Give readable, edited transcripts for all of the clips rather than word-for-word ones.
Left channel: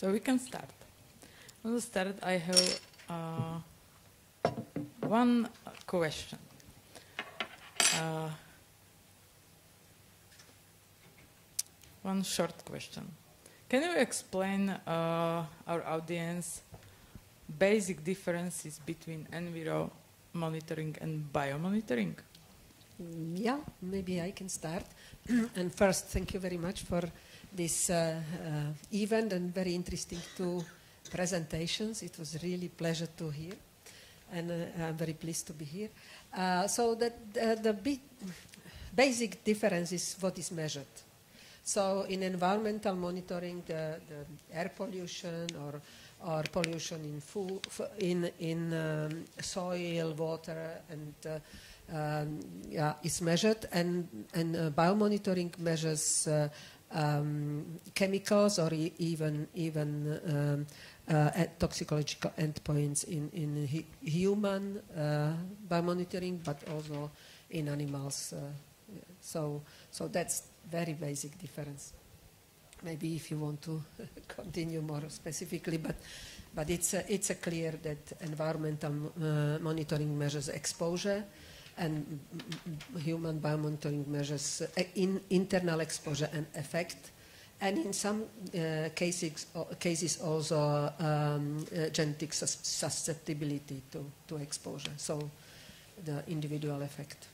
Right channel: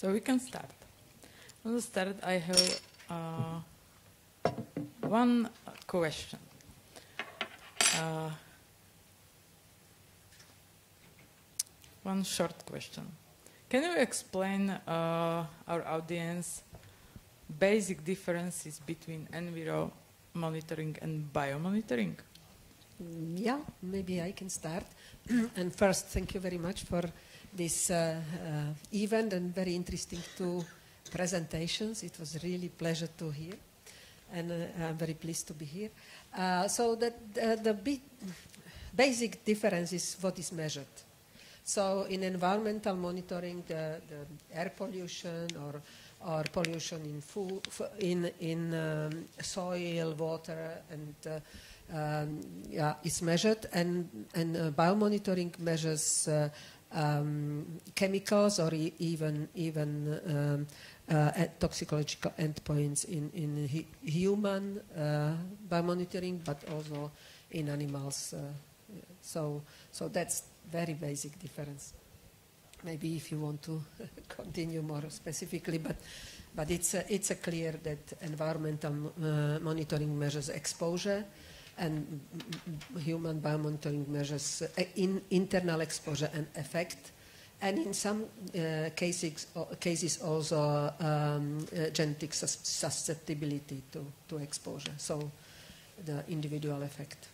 So we can start. On the start, I have one question. One short question. Can you explain our audience basic differences between Enviro monitoring and biomonitoring? Yeah, maybe I can start. And first, thank you very much for this event and very interesting two presentations. It was really a pleasure to hear, and I'm very pleased to be here. So the basic difference is what is measured. So in environmental monitoring, the air pollution or pollution in food, in soil, water, and is measured, and biomonitoring measures chemicals or even toxicological endpoints in human biomonitoring, but also in animals. So that's very basic difference. Maybe if you want to continue more specifically, but it's clear that environmental monitoring measures exposure, and human biomonitoring measures internal exposure and effect, and in some cases also genetic susceptibility to exposure, so the individual effect.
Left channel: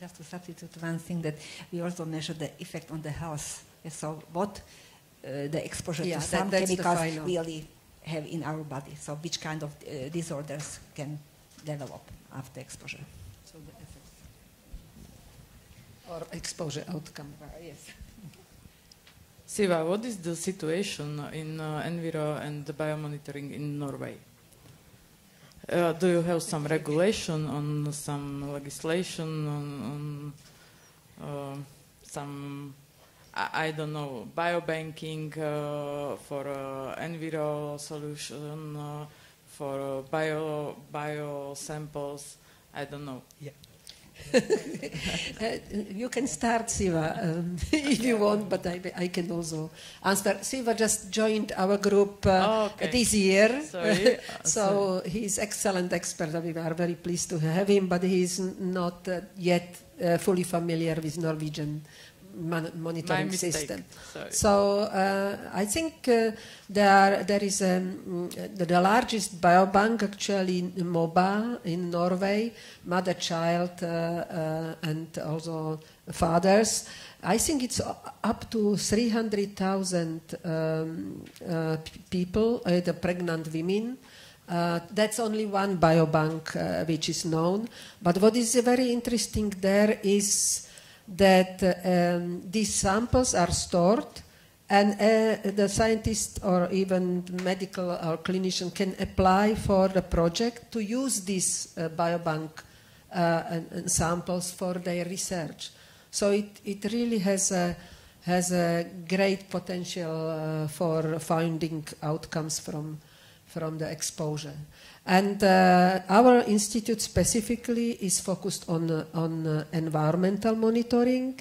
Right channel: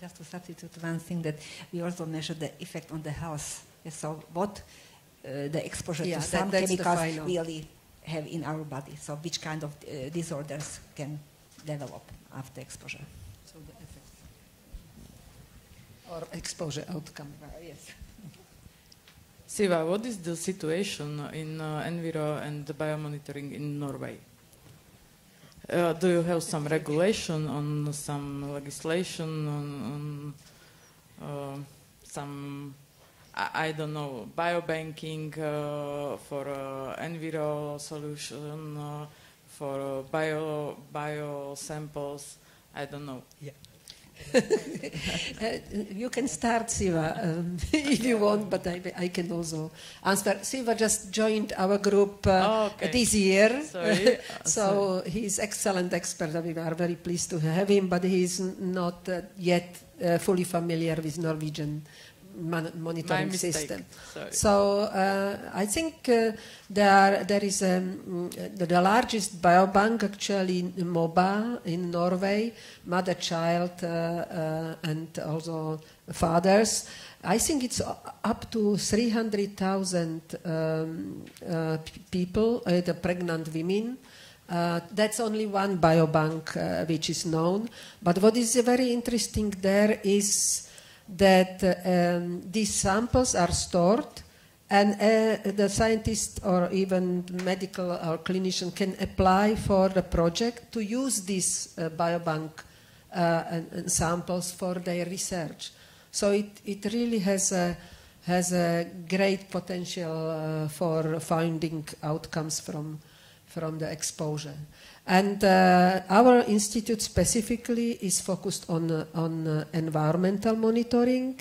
Just to substitute one thing, that we also measure the effect on the health. So what the exposure to some chemicals really have in our body. So which kind of disorders can develop after exposure. So the effect. Or exposure outcome. Yes. Siva, what is the situation in Enviro and the biomonitoring in Norway? Do you have some regulation on some legislation on some, I don't know, biobanking for Enviro solution, for bio samples? I don't know. Yeah. You can start, Siva, if you want, but I can also answer. Siva just joined our group this year. Sorry. So he's excellent expert. We are very pleased to have him, but he's not yet fully familiar with Norwegian monitoring system. So I think there is the largest biobank actually in mobile in Norway, mother-child and also fathers. I think it's up to 300,000 people, the pregnant women. That's only one biobank which is known. But what is very interesting there is that these samples are stored, and the scientist or even medical or clinician can apply for the project to use this biobank and samples for their research. So it really has a great potential for finding outcomes from the exposure. And our institute specifically is focused on environmental monitoring,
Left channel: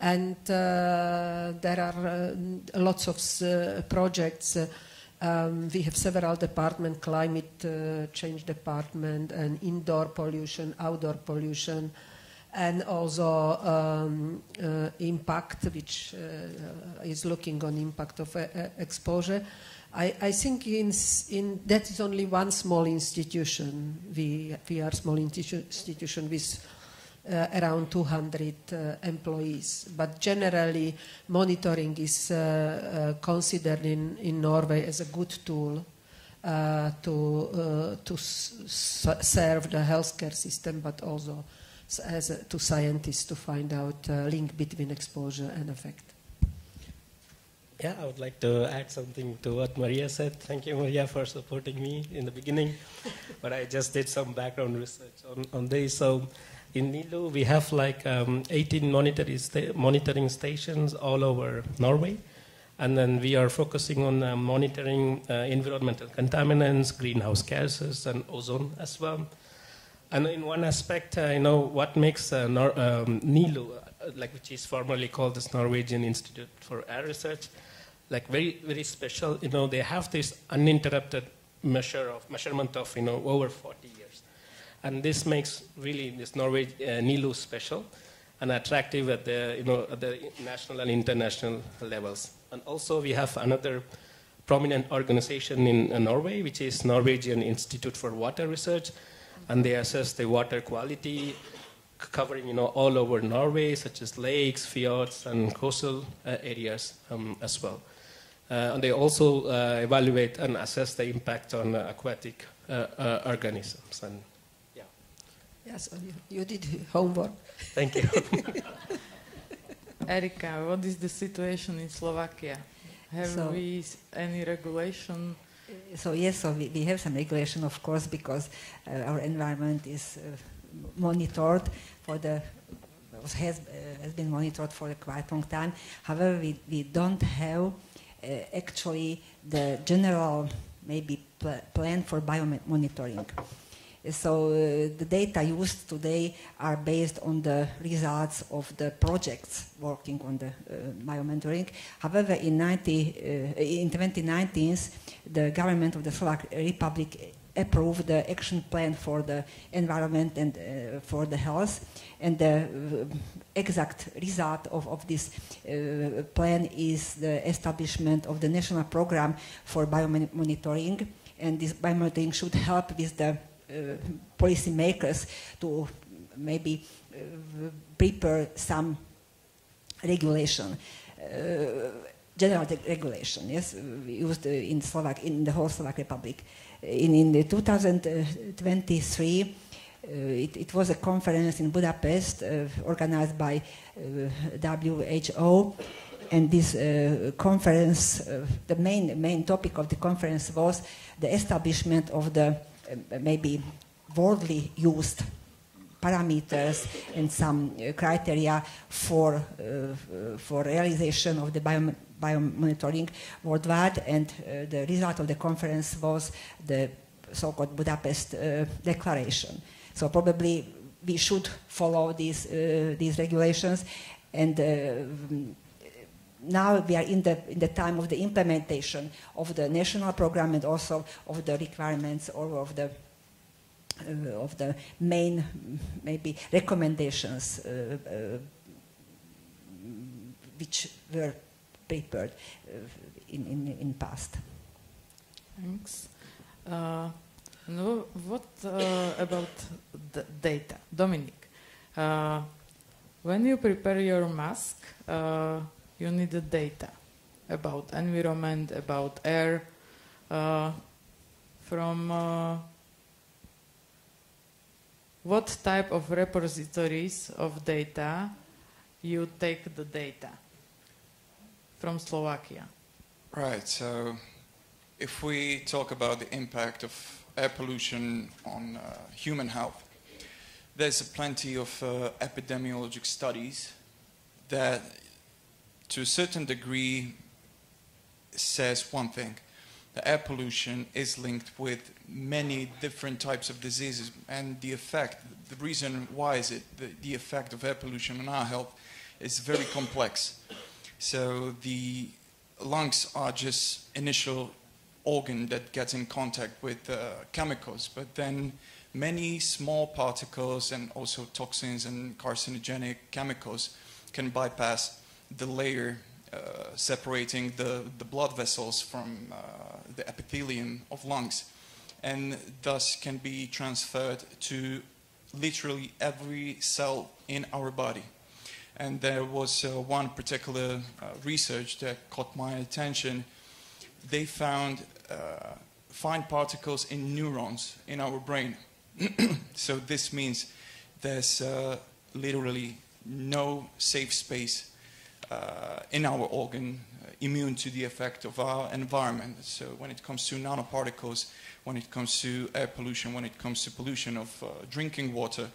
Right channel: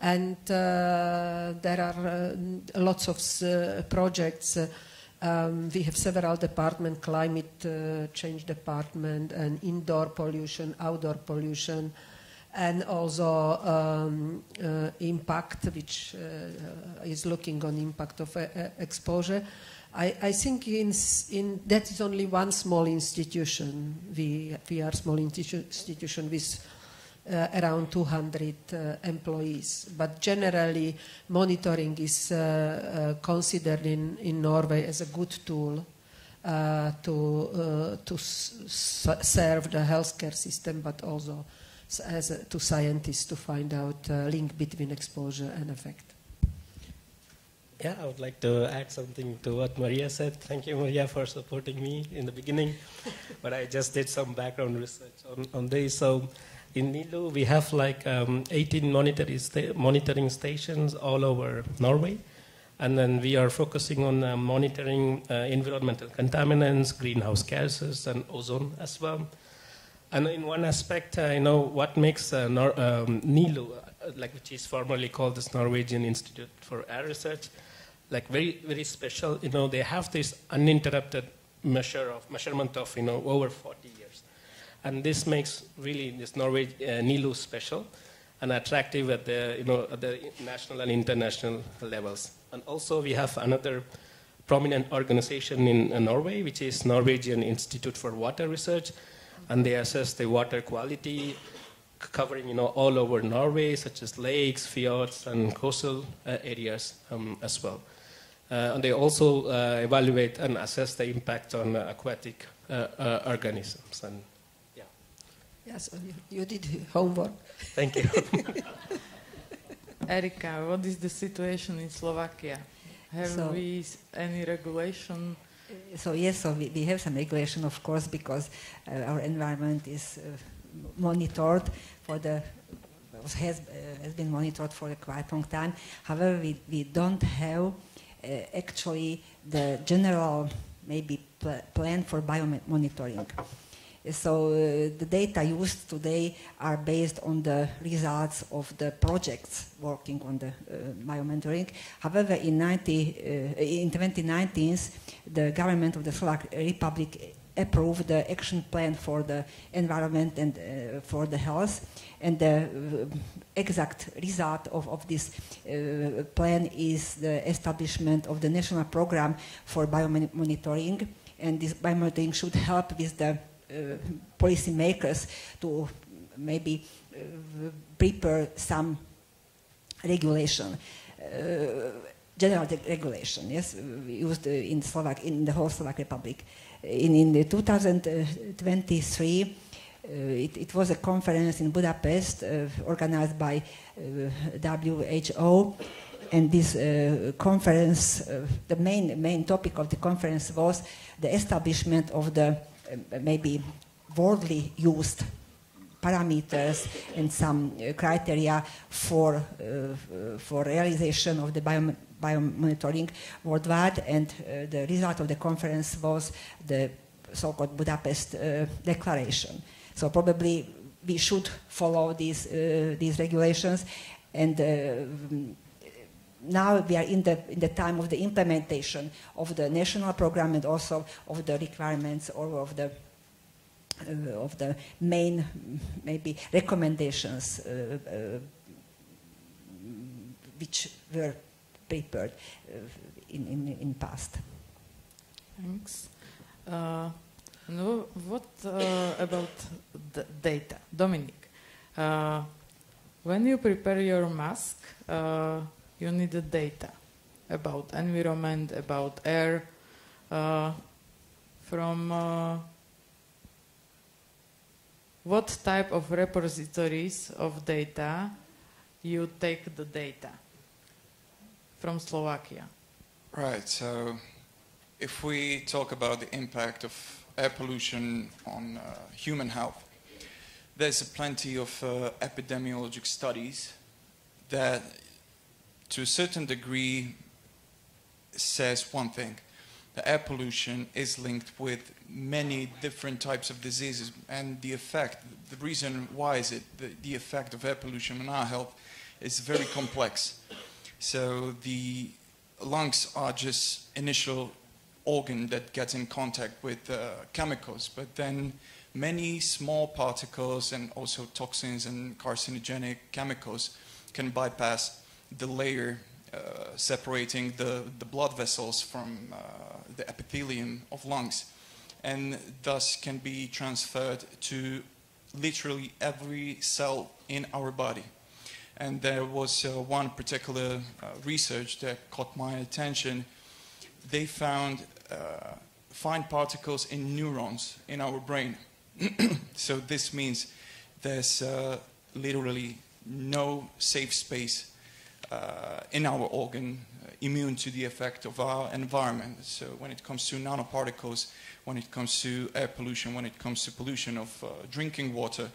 and there are lots of projects. We have several departments: climate change department, and indoor pollution, outdoor pollution, and also impact, which is looking on impact of exposure. I think that is only one small institution. We are a small institution with around 200 employees. But generally, monitoring is considered in Norway as a good tool to serve the healthcare system, but also to scientists to find out link between exposure and effect. Yeah, I would like to add something to what Maria said. Thank you, Maria, for supporting me in the beginning. But I just did some background research on this. So in NILU, we have like 18 monitoring stations all over Norway. And then we are focusing on monitoring environmental contaminants, greenhouse gases, and ozone as well. And in one aspect, what makes NILU, which is formerly called the Norwegian Institute for Air Research, like very, very special. They have this uninterrupted measurement of, over 40 years. And this makes really this Norway NILU special and attractive at the, at the national and international levels. And also we have another prominent organization in Norway, which is Norwegian Institute for Water Research, and they assess the water quality covering, all over Norway, such as lakes, fjords, and coastal areas as well. And they also evaluate and assess the impact on aquatic organisms. And yeah. Yes, you did homework. Thank you. Erika, what is the situation in Slovakia? Have we any regulation? So yes, we have some regulation, of course, because our environment is monitored has been monitored for a quite long time. However, we don't have actually the general maybe plan for biomonitoring. So the data used today are based on the results of the projects working on the biomonitoring. However, in 2019, the government of the Slovak Republic approved the action plan for the environment and for the health. And the exact result of this plan is the establishment of the national program for biomonitoring. And this biomonitoring should help with the policy makers to maybe prepare some regulation, general regulation, yes, used in the whole Slovak Republic. In the 2023, it was a conference in Budapest organized by WHO, and this conference, the main topic of the conference was the establishment of the maybe widely used parameters and some criteria for realization of the biomonitoring worldwide, and the result of the conference was the so-called Budapest Declaration. So probably we should follow these regulations, and now we are in the time of the implementation of the national program and also of the requirements or of the main maybe recommendations which were prepared in past. Thanks. What about the data? Dominic, when you prepare your mask, you need the data about environment, about air, from what type of repositories of data you take the data from Slovakia? Right, so if we talk about the impact of air pollution on human health, there's plenty of epidemiologic studies that to a certain degree says one thing. The air pollution is linked with many different types of diseases, and the reason why is it, the effect of air pollution on our health is very complex. So the lungs are just initial organ that gets in contact with chemicals, but then many small particles and also toxins and carcinogenic chemicals can bypass the layer separating the blood vessels from the epithelium of lungs, and thus can be transferred to literally every cell in our body. And there was one particular research that caught my attention. They found fine particles in neurons in our brain. So this means there's literally no safe space in our organ immune to the effect of our environment. So when it comes to nanoparticles, when it comes to air pollution, when it comes to pollution of drinking water,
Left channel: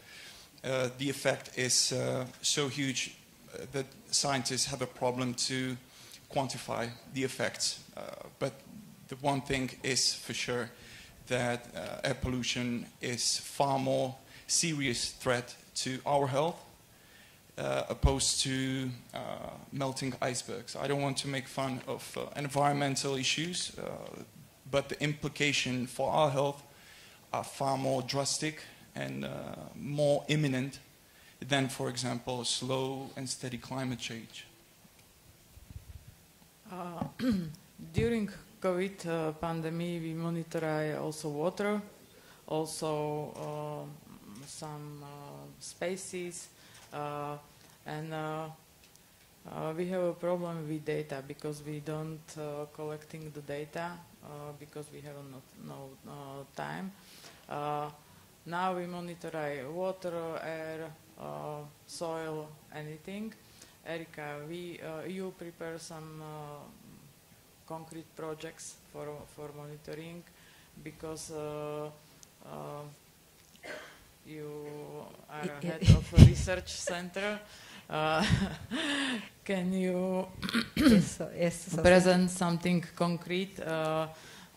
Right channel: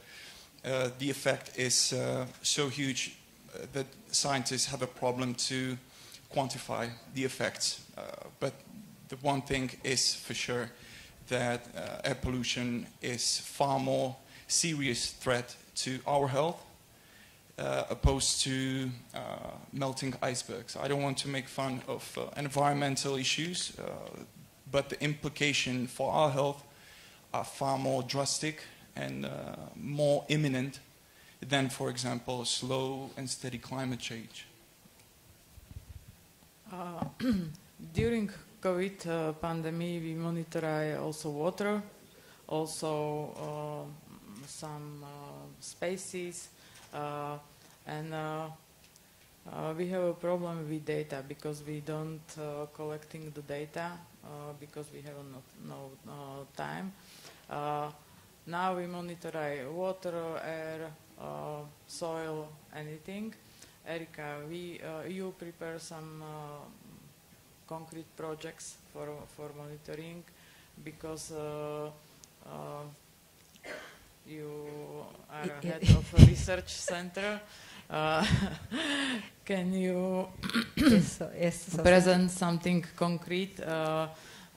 the effect is so huge that scientists have a problem to quantify the effects. But the one thing is for sure that air pollution is far more serious threat to our health opposed to melting icebergs. I don't want to make fun of environmental issues, but the implication for our health are far more drastic and more imminent than, for example, slow and steady climate change. During COVID pandemic, we monitor also water, also some species, and we have a problem with data because we don't collecting the data because we have no time. Now we monitor water, air, soil, anything. Erika, you prepare some concrete projects for monitoring because you are head of a research center. Can you present something concrete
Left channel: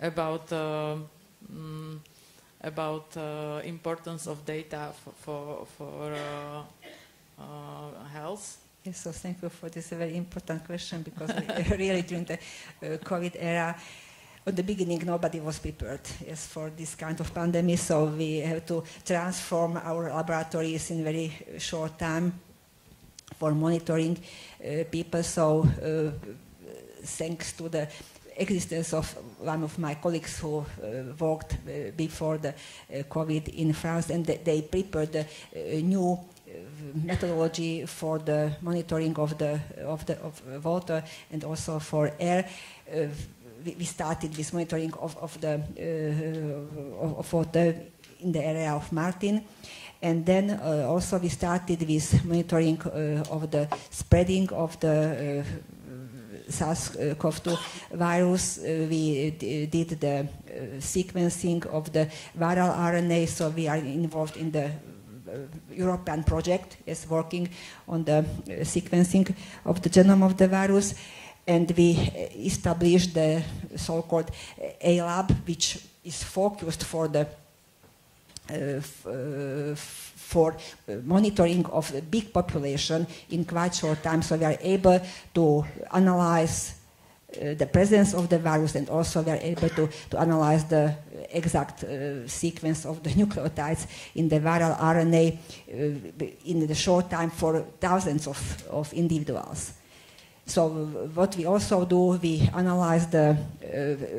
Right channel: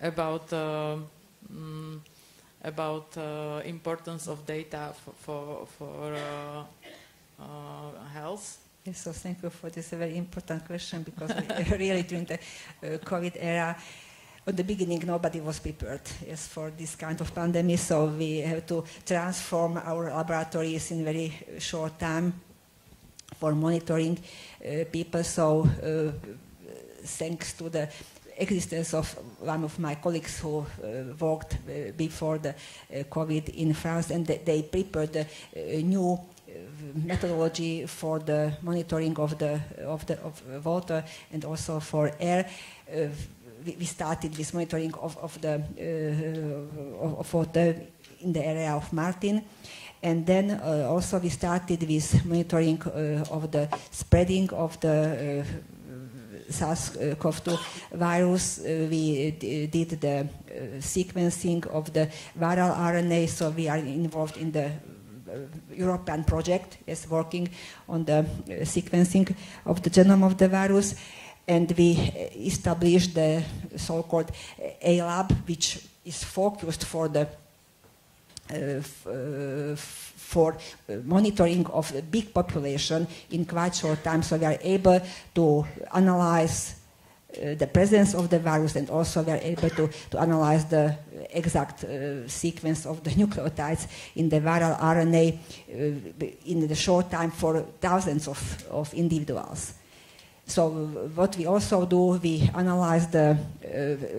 about importance of data for health? Yes, so thank you for this very important question because really during the COVID era, at the beginning nobody was prepared for this kind of pandemic, so we have to transform our laboratories in very short time for monitoring people. So thanks to the existence of one of my colleagues who worked before the COVID in France, and they prepared a new methodology for the monitoring of water and also for air. We started this monitoring of water in the area of Martin, and then also we started with monitoring of the spreading of the SARS-CoV-2 virus. We did the sequencing of the viral RNA, so we are involved in the European project is working on the sequencing of the genome of the virus, and we established the so-called A-lab, which is focused for the for monitoring of a big population in quite short time, so we are able to analyze the presence of the virus, and also we are able to analyze the exact sequence of the nucleotides in the viral RNA in the short time for thousands of individuals. So what we also do, we analyze the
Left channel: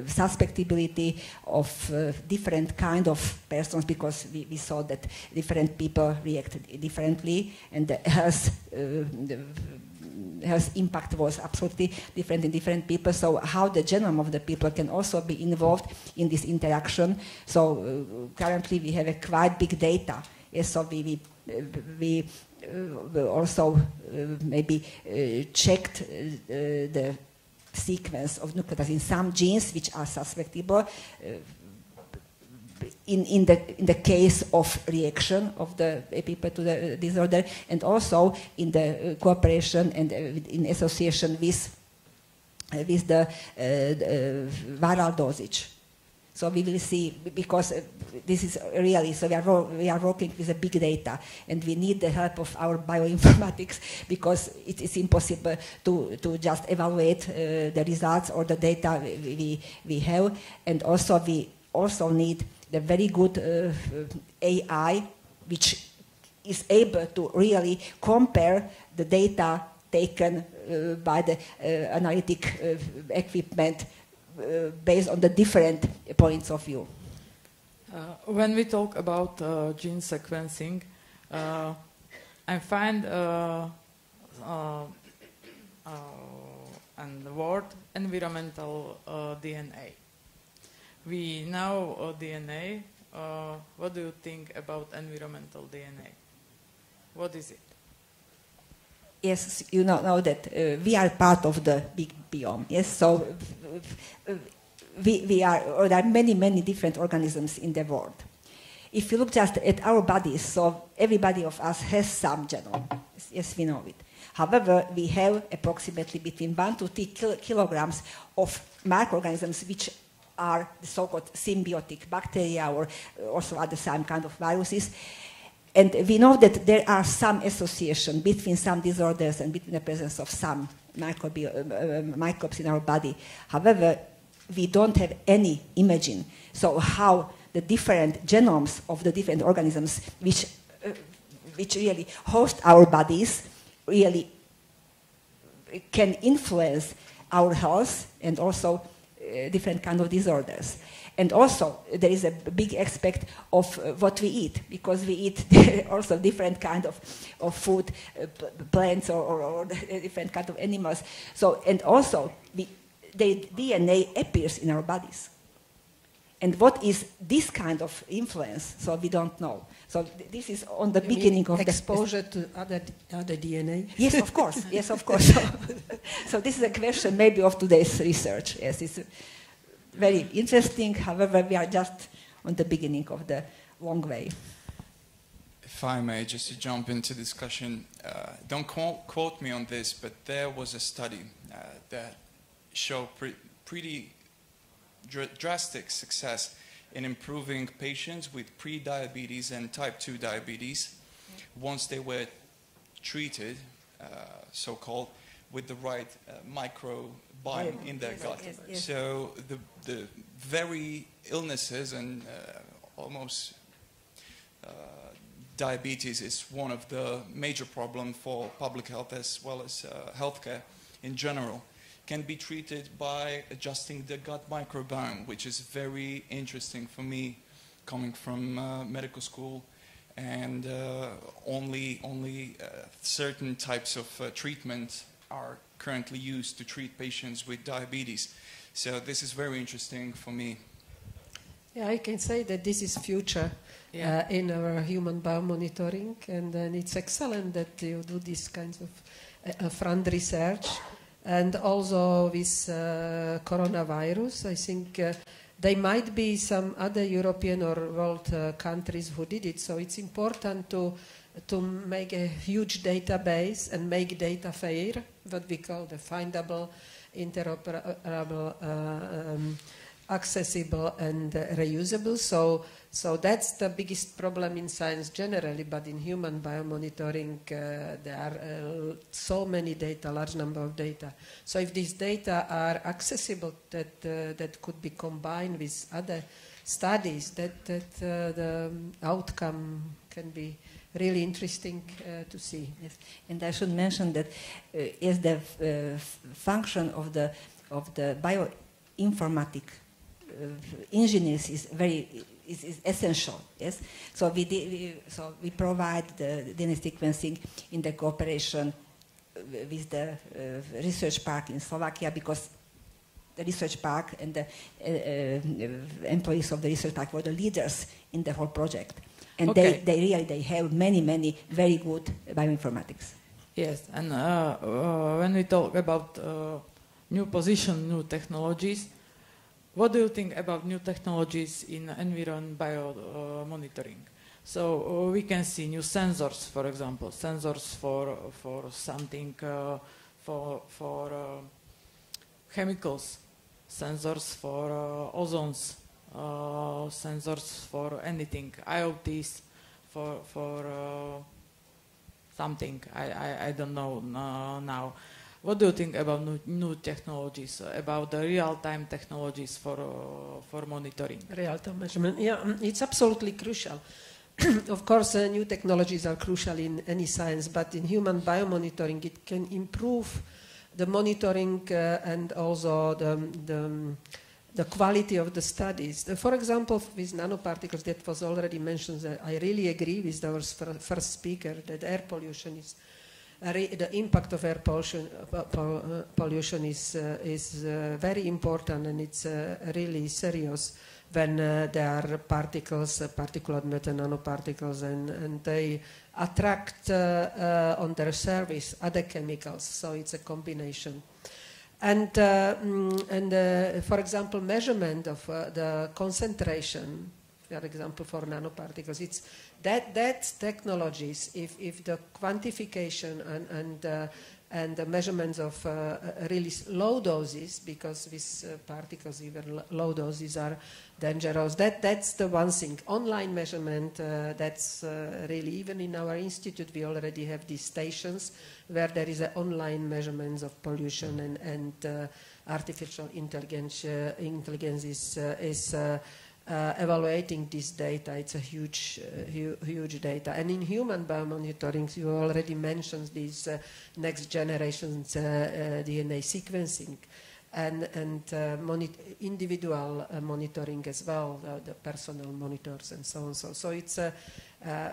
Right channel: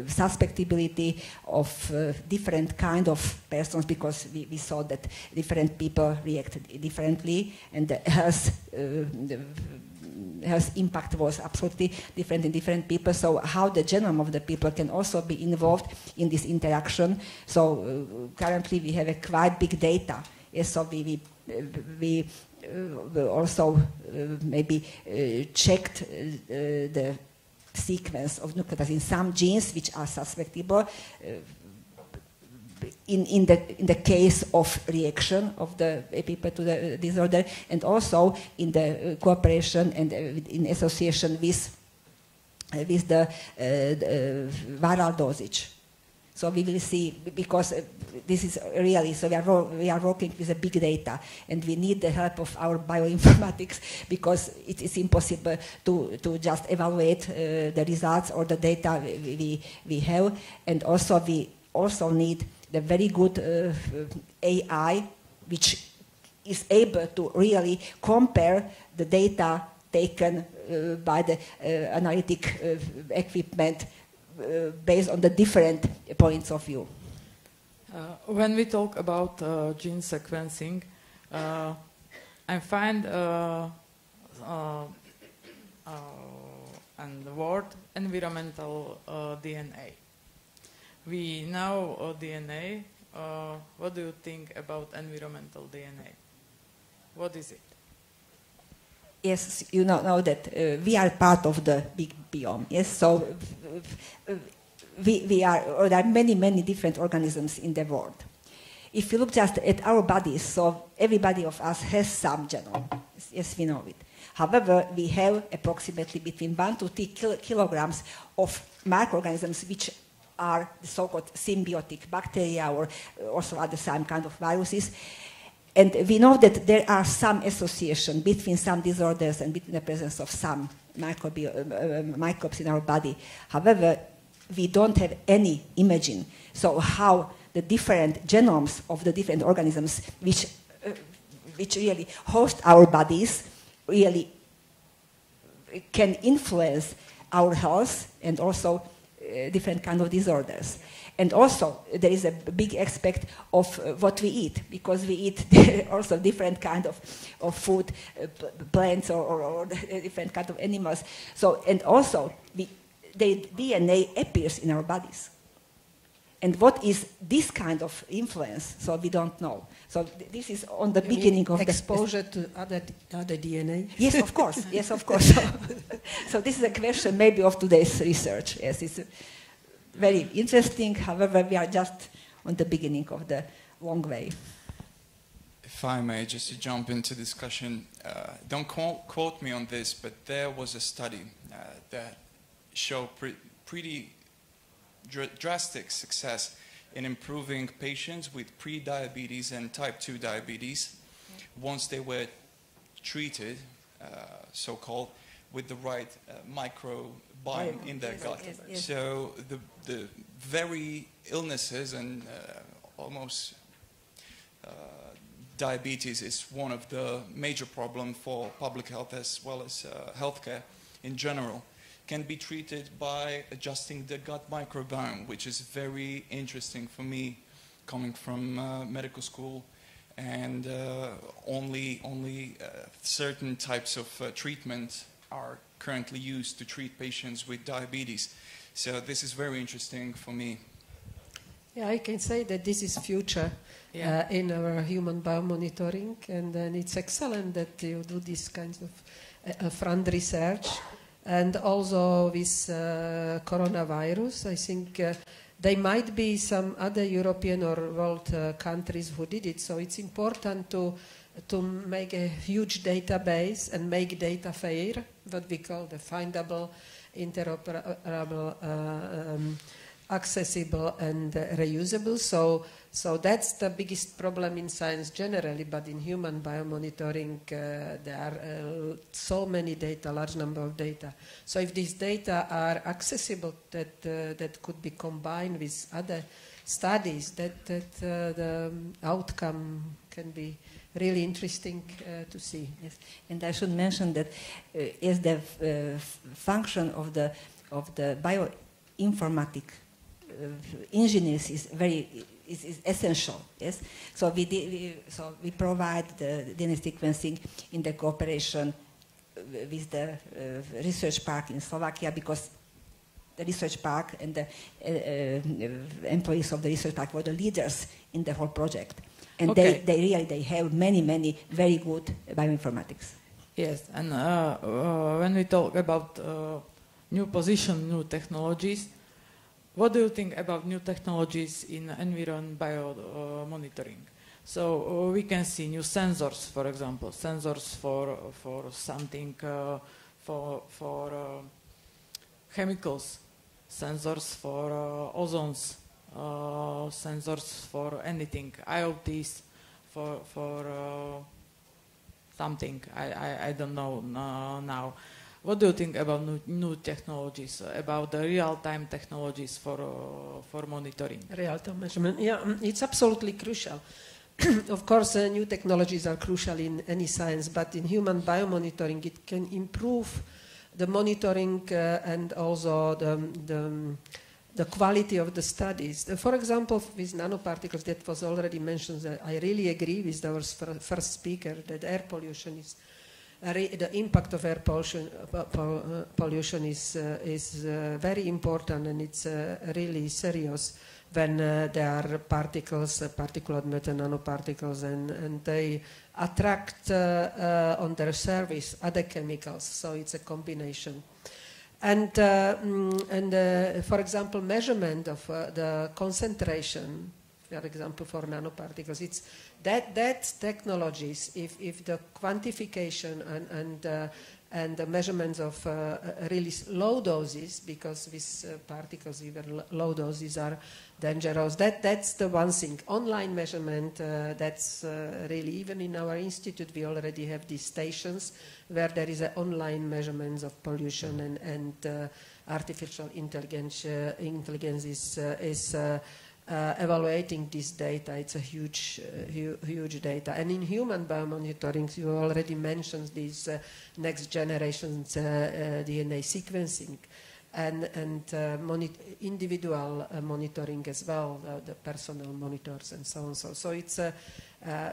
suspectability of different kind of persons, because we saw that different people react differently, and the health impact was absolutely different in different people. So how the genome of the people can also be involved in this interaction. So currently we have a quite big data. Yes, so we also maybe checked the sequence of nucleotides in some genes which are susceptible in the case of reaction of the people to the disorder, and also in the cooperation and in association with the viral dosage. So we will see, because this is really, so we are working with a big data, and we need the help of our bioinformatics, because it is impossible to just evaluate the results or the data we have, and also we also need the very good AI, which is able to really compare the data taken by the analytic equipment based on the different points of view. When we talk about gene sequencing, I find and the word environmental DNA. We know DNA. What do you think about environmental DNA? What is it? Yes, you know that we are part of the big biome. Yes, so there are many different organisms in the world. If you look just at our bodies, so everybody of us has some genome. Yes, we know it. However, we have approximately between 1 to 3 kilograms of microorganisms which are the so-called symbiotic bacteria, or also other some kind of viruses. And we know that there are some association between some disorders and between the presence of some microbes in our body. However, we don't have any imaging. So how the different genomes of the different organisms which really host our bodies really can influence our health and also different kind of disorders. And also, there is a big aspect of what we eat, because we eat also different kind of food, plants or different kind of animals. So, and also, the DNA appears in our bodies. And what is this kind of influence? So we don't know. So this is on the beginning of exposure to other DNA. Yes, of course. Yes, of course. So this is a question maybe of today's research. Yes, it's very interesting. However, we are just on the beginning of the long way. If I may, just to jump into discussion, don't quote me on this, but there was a study that showed pretty drastic success in improving patients with pre-diabetes and type 2 diabetes once they were treated, so-called, with the right microbiome in their gut. Yes. So the very illnesses and almost diabetes is one of the major problems for public health as well as healthcare in general, can be treated by adjusting the gut microbiome, which is very interesting for me, coming from medical school, and only certain types of treatment are currently used to treat patients with diabetes. So this is very interesting for me. Yeah, I can say that this is future in our human biomonitoring, and then it's excellent that you do these kinds of front research. And also with coronavirus, I think there might be some other European or world countries who did it. So it's important to make a huge database and make data fair, what we call the findable, interoperable, accessible, and reusable. So that's the biggest problem in science generally, but in human biomonitoring, there are so many data, large number of data. So if these data are accessible, that could be combined with other studies, that the outcome can be really interesting to see. Yes. And I should mention that is the function of the bioinformatic engineers is essential. Yes. So we provide the DNA sequencing in the cooperation with the research park in Slovakia, because the research park and the employees of the research park were the leaders in the whole project. And they have many very good bioinformatics. Yes, and when we talk about new position, new technologies, what do you think about new technologies in Enviro and biomonitoring? So we can see new sensors, for example, sensors for something, for chemicals, sensors for ozones, sensors for anything, IoTs for something, I don't know now. What do you think about new technologies, about the real-time technologies for monitoring? Real-time measurement, yeah, it's absolutely crucial. Of course, new technologies are crucial in any science, but in human biomonitoring, it can improve the monitoring and also the quality of the studies. For example, with nanoparticles, that was already mentioned, I really agree with our first speaker that air pollution is the impact of air pollution is very important, and it's really serious when there are particles, particulate matter, nanoparticles, and they attract on their surface other chemicals. So it's a combination. And for example, measurement of the concentration, for example, for nanoparticles, it's that technologies, if the quantification and And the measurements of really low doses, because these particles, even low doses, are dangerous. That's the one thing. Online measurement, that's really, even in our institute, we already have these stations where there is an online measurements of pollution, and artificial intelligence is evaluating this data. It's a huge data. And in human biomonitoring, you already mentioned these next generation DNA sequencing and individual monitoring as well, the personal monitors and so on. So it's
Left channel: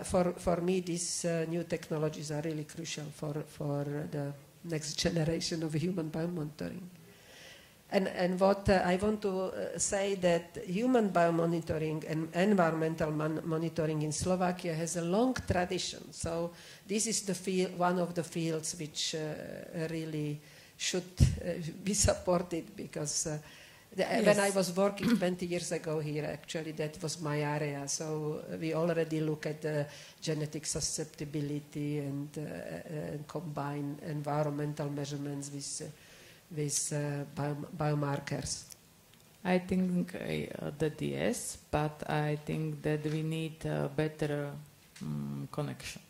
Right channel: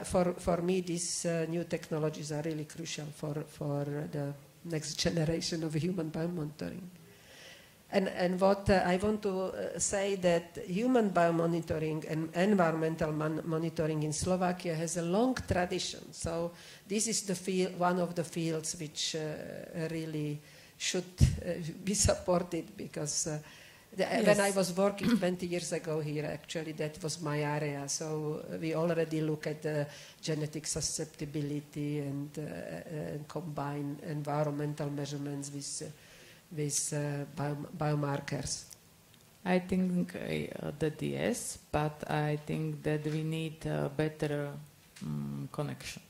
for me, these new technologies are really crucial for the next generation of human biomonitoring. And what I want to say that human biomonitoring and environmental monitoring in Slovakia has a long tradition. So this is the field, one of the fields which really should be supported, because when I was working 20 years ago here, actually that was my area. So we already look at the genetic susceptibility and combine environmental measurements with biomarkers. I think that yes, but I think that we need a better connection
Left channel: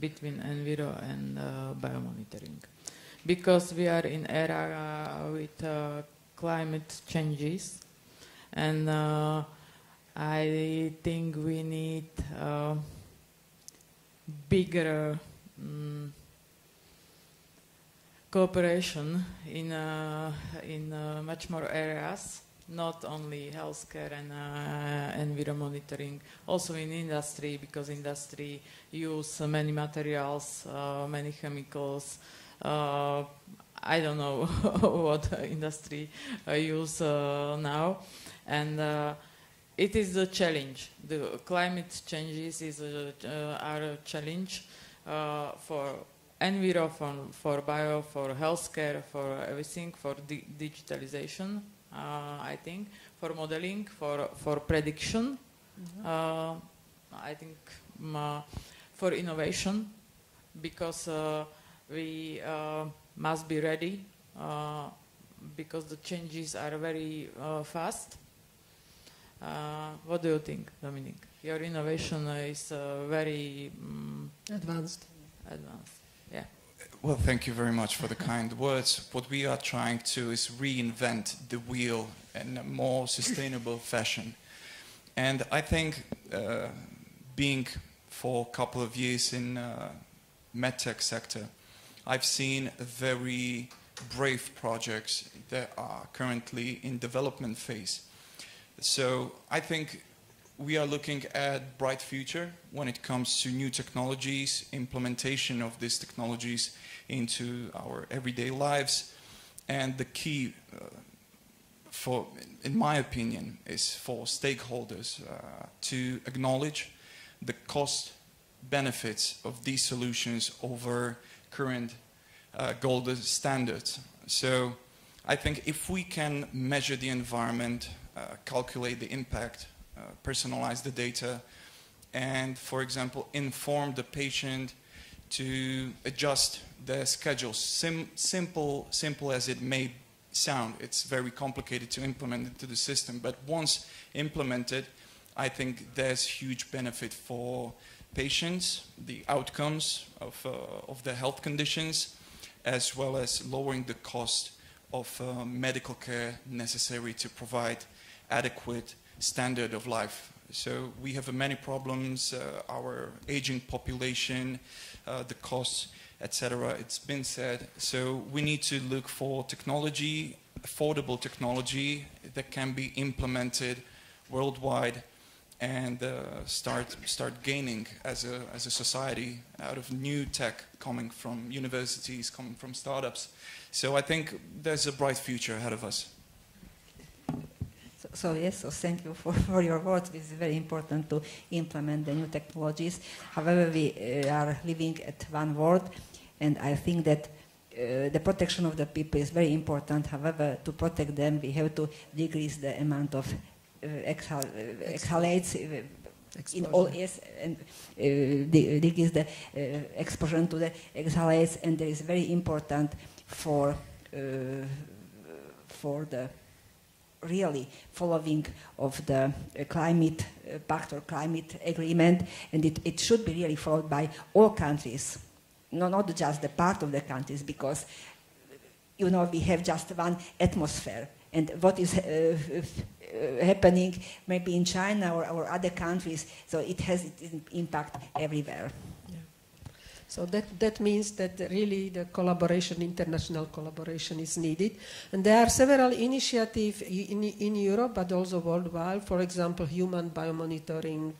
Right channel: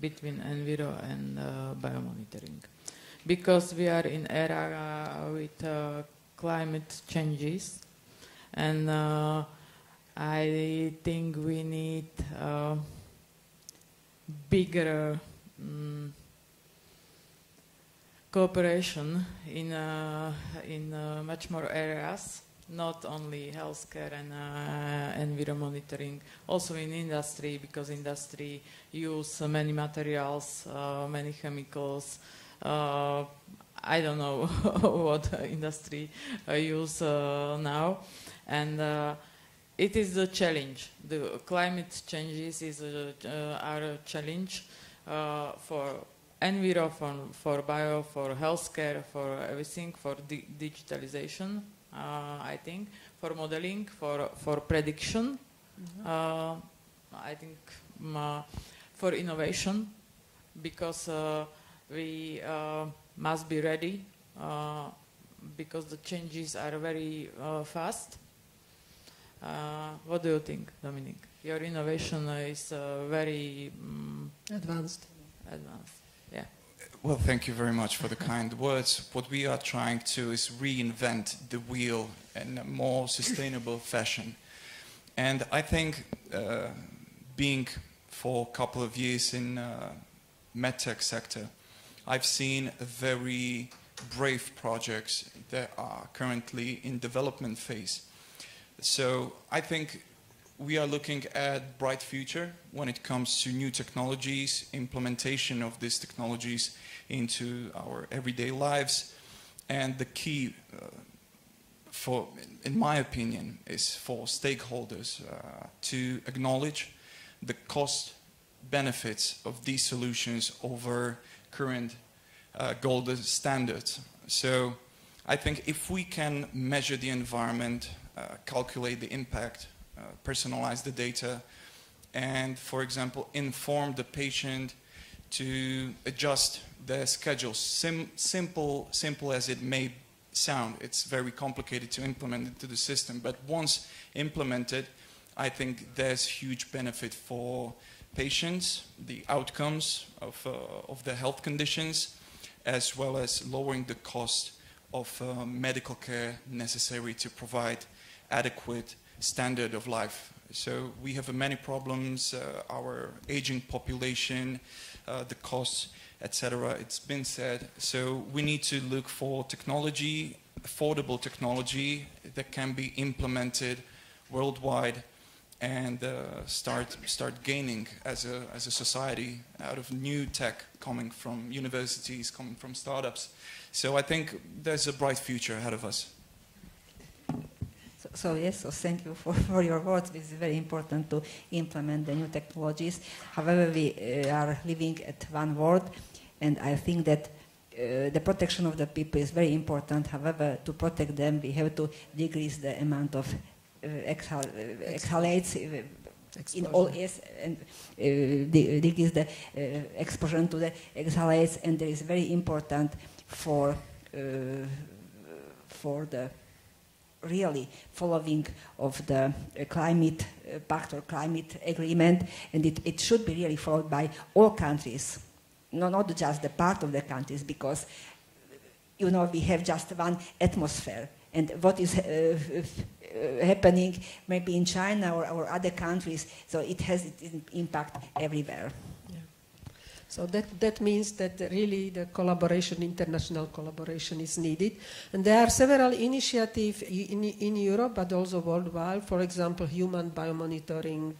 between Enviro and biomonitoring, because we are in era with climate changes, and I think we need bigger cooperation in much more areas, not only healthcare and Enviro monitoring, also in industry, because industry use many materials, many chemicals. I don't know what industry use now, and it is a challenge. The climate changes are a challenge for Enviro, for bio, for healthcare, for everything, for digitalization, I think, for modeling, for prediction, I think for innovation, because we must be ready, because the changes are very fast. What do you think, Dominic? Your innovation is very advanced. Yeah. Well, thank you very much for the kind words. What we are trying to is reinvent the wheel in a more sustainable fashion. And I think being for a couple of years in medtech sector, I've seen very brave projects that are currently in development phase. So I think we are looking at bright future when it comes to new technologies, implementation of these technologies into our everyday lives. And the key, in my opinion, is for stakeholders to acknowledge the cost benefits of these solutions over current gold standards. So I think if we can measure the environment, calculate the impact, personalize the data, and, for example, inform the patient to adjust their schedules. Simple as it may sound, it's very complicated to implement into the system, but once implemented, I think there's huge benefit for patients, the outcomes of their health conditions, as well as lowering the cost of medical care necessary to provide adequate standard of life. So we have many problems, our aging population, the costs, etc. It's been said. So we need to look for technology, affordable technology that can be implemented worldwide, and start gaining as a society out of new tech coming from universities, coming from startups. So I think there's a bright future ahead of us. So thank you for your words. It's very important to implement the new technologies. However, we are living at one world, and I think that the protection of the people is very important. However, to protect them, we have to decrease the amount of exhalates in all areas, and decrease the exposure to the exhalates, and it is very important for the really following of the climate pact or climate agreement, and it should be really followed by all countries, not just the part of the countries, because we have just one atmosphere, and what is happening maybe in China or other countries, so it has its impact everywhere. Yeah. So that means that really the collaboration, international collaboration is needed. And there are several initiatives in Europe, but also worldwide. For example, human biomonitoring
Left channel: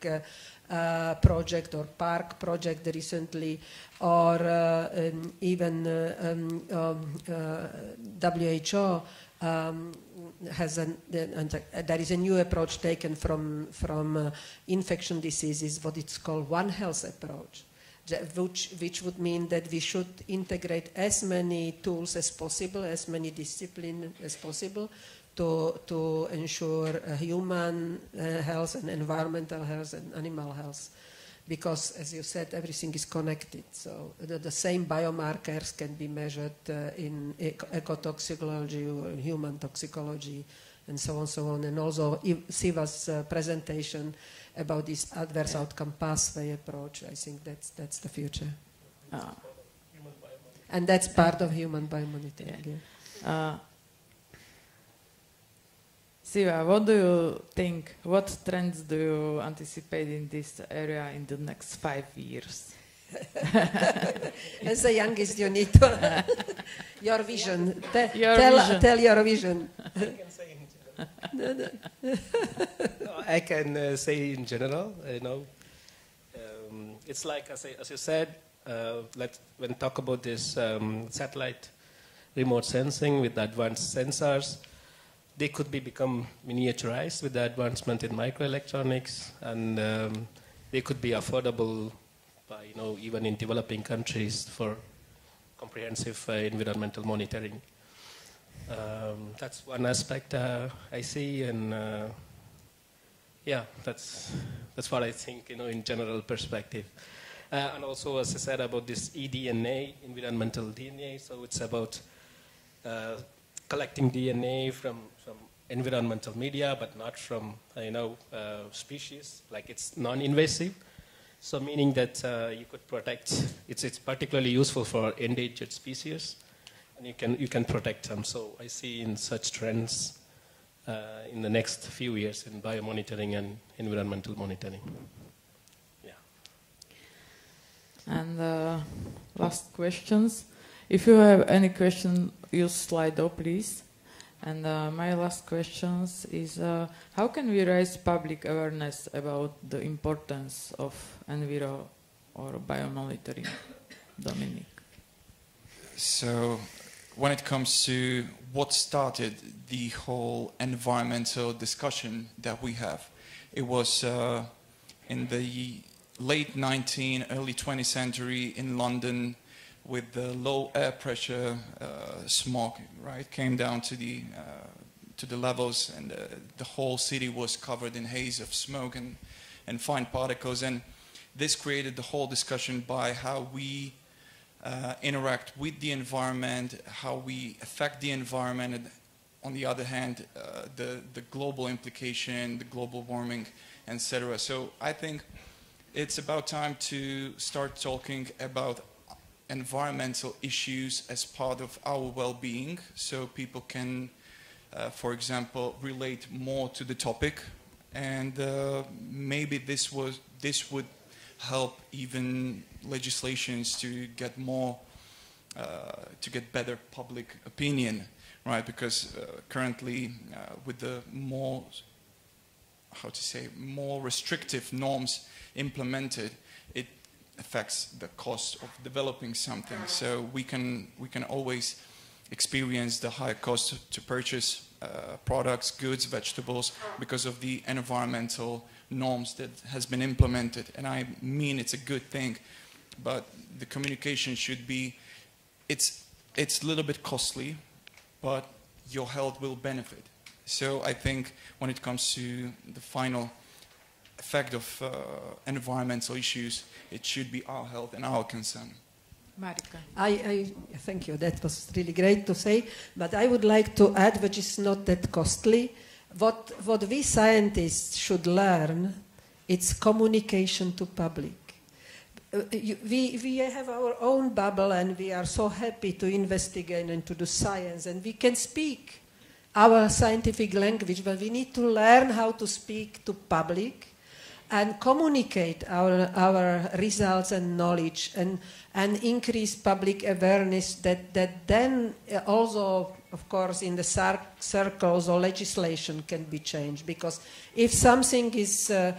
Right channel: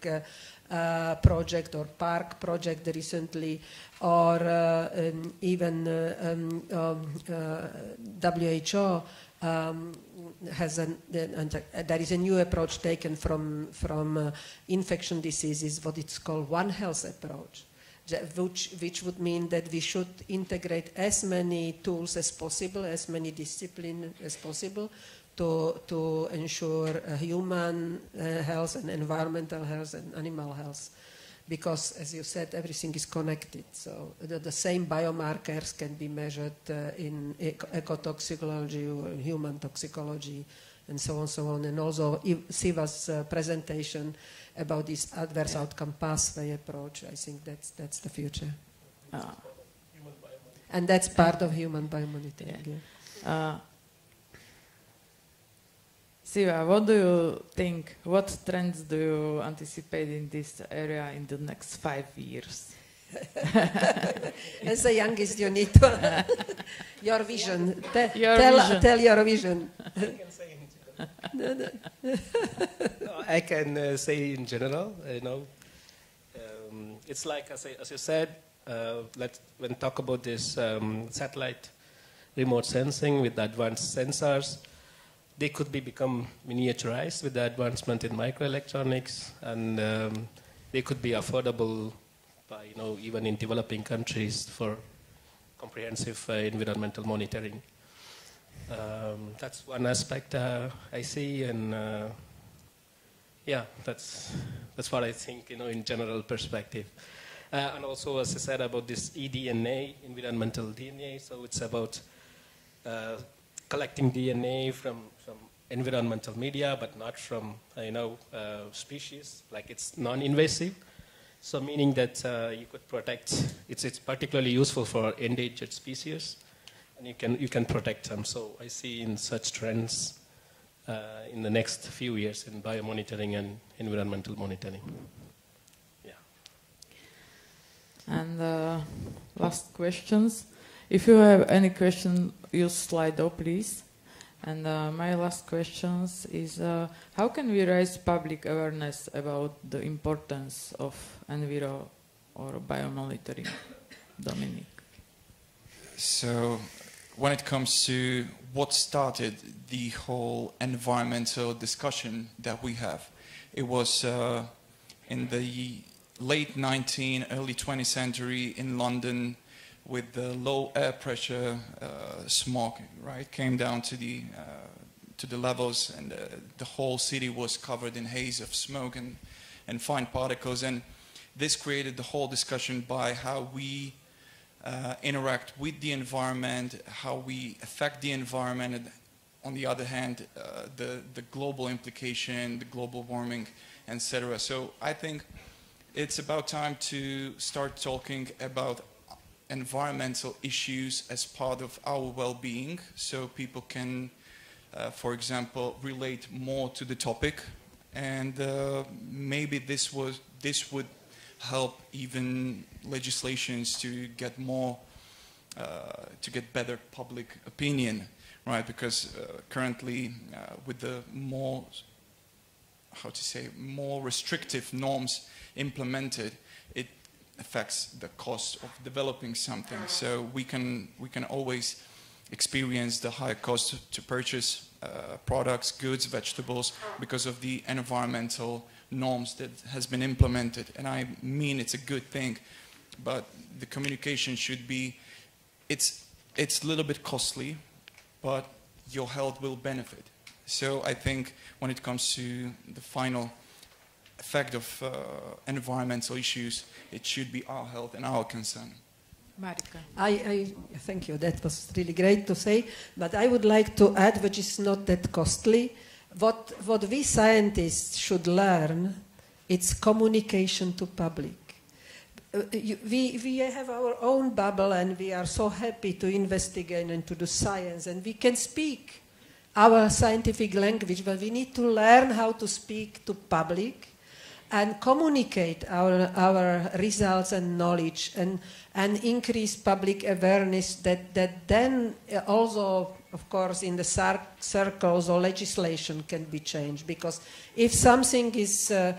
project or PARC project recently, or even WHO there is a new approach taken from infection diseases, what it's called One Health approach, which would mean that we should integrate as many tools as possible, as many disciplines as possible, to ensure human health and environmental health and animal health. Because, as you said, everything is connected. So the same biomarkers can be measured in ecotoxicology or human toxicology, and so on. And also, Siva's presentation about this adverse outcome pathway approach, I think that's the future. And that's part of human biomonitoring. Yeah. Siva, what do you think? What trends do you anticipate in this area in the next 5 years? As the youngest, you need to your vision. Tell your vision. I can say in general. It's like as you said. When we talk about this satellite remote sensing with advanced sensors, they could become miniaturized with the advancement in microelectronics, and they could be affordable by, even in developing countries for comprehensive environmental monitoring. That's one aspect I see, and that's what I think, in general perspective. And also, as I said, about this eDNA, environmental DNA, so it's about collecting DNA from environmental media, but not from species. Like, it's non-invasive, so meaning that you could protect. It's particularly useful for endangered species, and you can protect them. So I see in such trends in the next few years in biomonitoring and environmental monitoring. Yeah. And last questions. If you have any question, use Slido, please. And my last question is, how can we raise public awareness about the importance of Enviro or biomonitoring? Dominic. So, when it comes to what started the whole environmental discussion that we have, it was in the late 19th, early 20th century in London, with the low air pressure, smog, right, came down to the levels, and the whole city was covered in haze of smoke and fine particles, and this created the whole discussion by how we interact with the environment, how we affect the environment, and on the other hand, the global implication, the global warming, etc. So I think it's about time to start talking about environmental issues as part of our well-being, so people can, for example, relate more to the topic, and maybe this would help even legislations to get more, to get better public opinion, right? Because currently, with the more restrictive norms implemented, it affects the cost of developing something. So we can always experience the higher cost to purchase products, goods, vegetables, because of the environmental norms that has been implemented. And I mean, it's a good thing, but the communication should be, it's a little bit costly, but your health will benefit. So I think when it comes to the final effect of environmental issues, it should be our health and our concern. Marika. I thank you. That was really great to say. But I would like to add, which is not that costly, what we scientists should learn, it's communication to public. We have our own bubble, and we are so happy to investigate and to do science, and we can speak our scientific language, but we need to learn how to speak to public and communicate our results and knowledge and increase public awareness that then also, of course, in the circles or legislation can be changed. Because if something is, the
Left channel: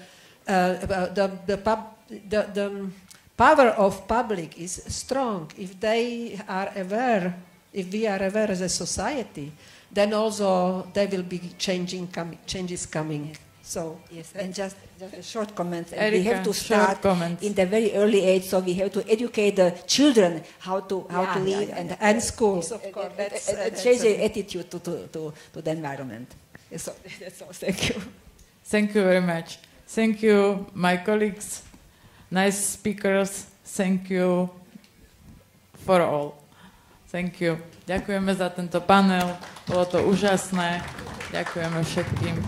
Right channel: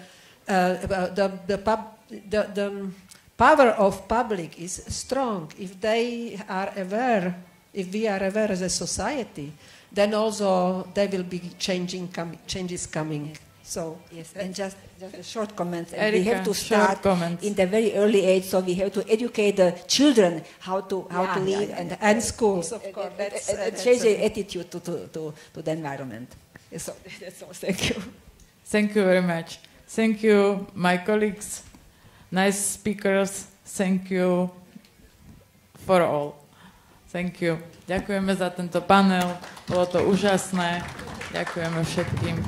power of public is strong, if they are aware, if we are aware as a society, then also there will be changes coming. So yes, and just a short comment. And Erika, we have to start in the very early age, so we have to educate the children how to live and schools, of course. Change the attitude to the environment. So that's all. Thank you. Thank you very much. Thank you, my colleagues, nice speakers. Thank you for all. Thank you. Ďakujeme za tento panel. Bolo to úžasné. Ďakujeme všetkým.